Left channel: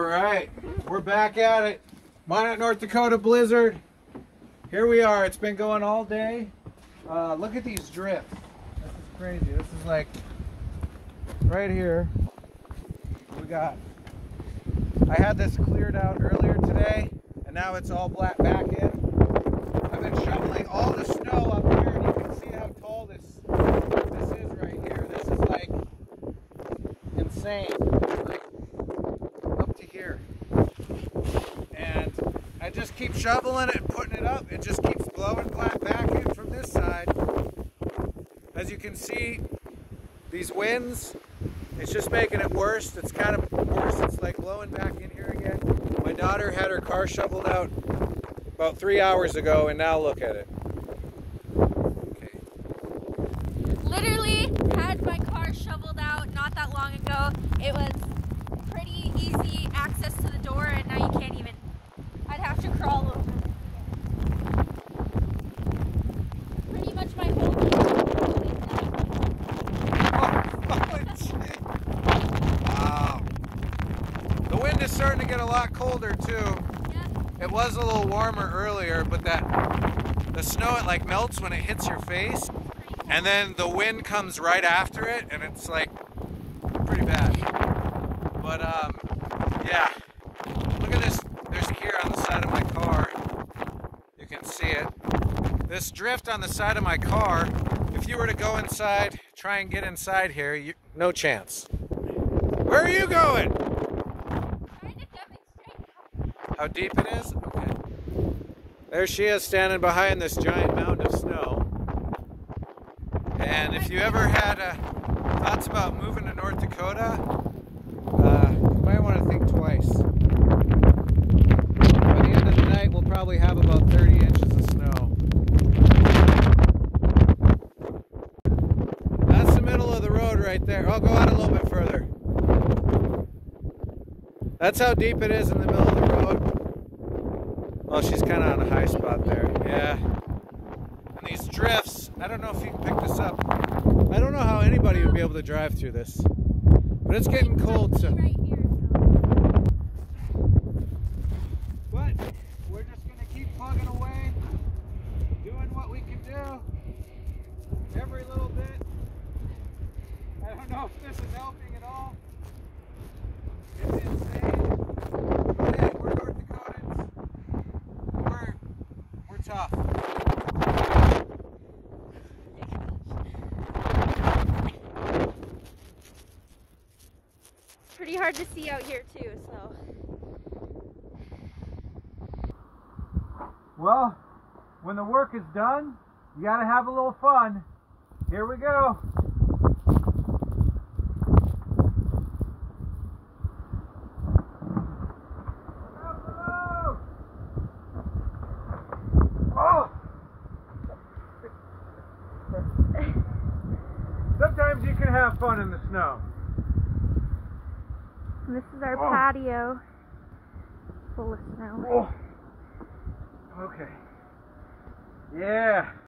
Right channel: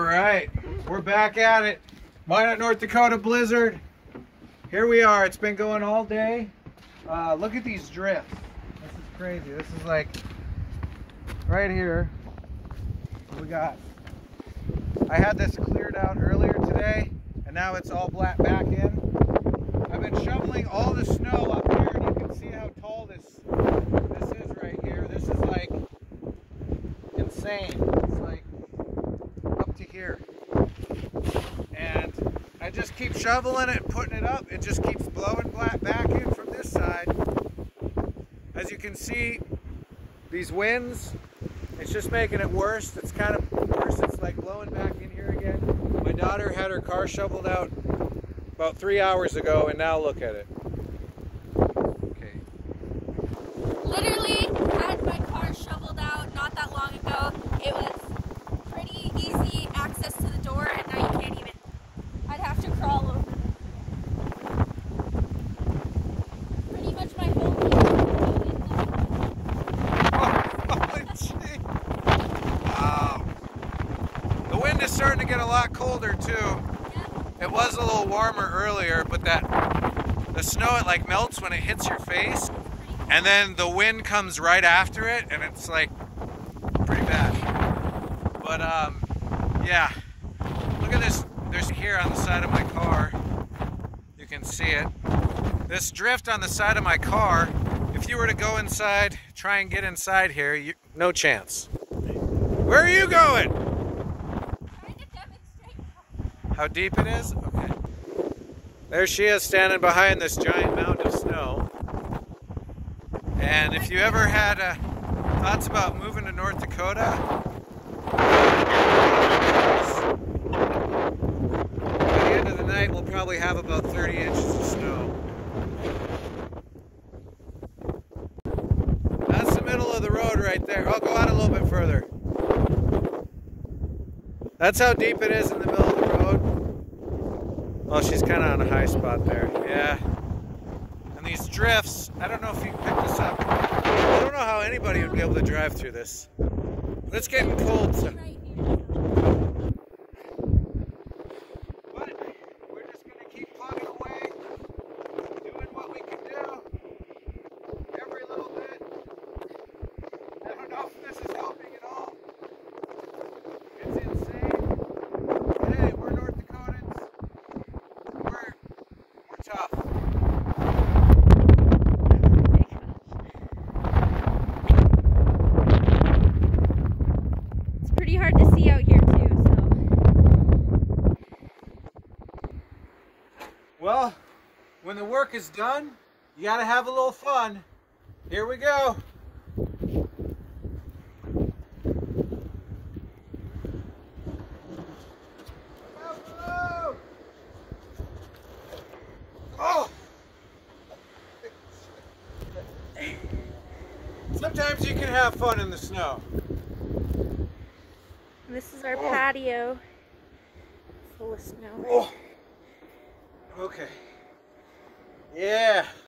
All right, we're back at it. Minot, North Dakota blizzard. Here we are. It's been going all day. Look at these drifts. This is crazy. This is like right here. We got. I had this cleared out earlier today, and now it's all back in. I've been shoveling all the snow up here, and you can see how tall this is right here. This is like insane. It's like up to here. And I just keep shoveling it and putting it up. It just keeps blowing back in from this side. As you can see, these winds, it's just making it worse. It's kind of worse. It's like blowing back in here again. My daughter had her car shoveled out about 3 hours ago, and now look at it. Okay. Literally had my car shoveled out not that long ago. It was pretty easy access to the door, and now you can't even. I'd have to crawl over. Pretty much my whole Wow. The wind is starting to get a lot colder too. Yeah. It was a little warmer earlier, but the snow, it like melts when it hits your face, and then the wind comes right after it, and it's like pretty bad. But yeah, look at this. There's here on the side of my car. You can see it. This drift on the side of my car, if you were to go inside, try and get inside here, no chance. Where are you going? Trying to demonstrate how deep it is? Okay. There she is standing behind this giant mound of snow. And if you ever had thoughts about moving to North Dakota, by the end of the night, we'll probably have about 30 inches of snow. That's the middle of the road right there. I'll go out a little bit further. That's how deep it is in the middle of the road. Well, she's kind of on a high spot there. Yeah. And these drifts, I don't know if you can pick this up. I don't know how anybody would be able to drive through this. But it's getting cold, so. But we're just going to keep plugging away, doing what we can do. Every little bit. I don't know if this is helping at all. It's insane. But hey, we're North Dakotans. We're tough. It's pretty hard to see out here too, so. Well, when the work is done, you gotta have a little fun. Here we go. Oh! Sometimes you can have fun in the snow. This is our patio full of snow. Oh. Okay. Yeah.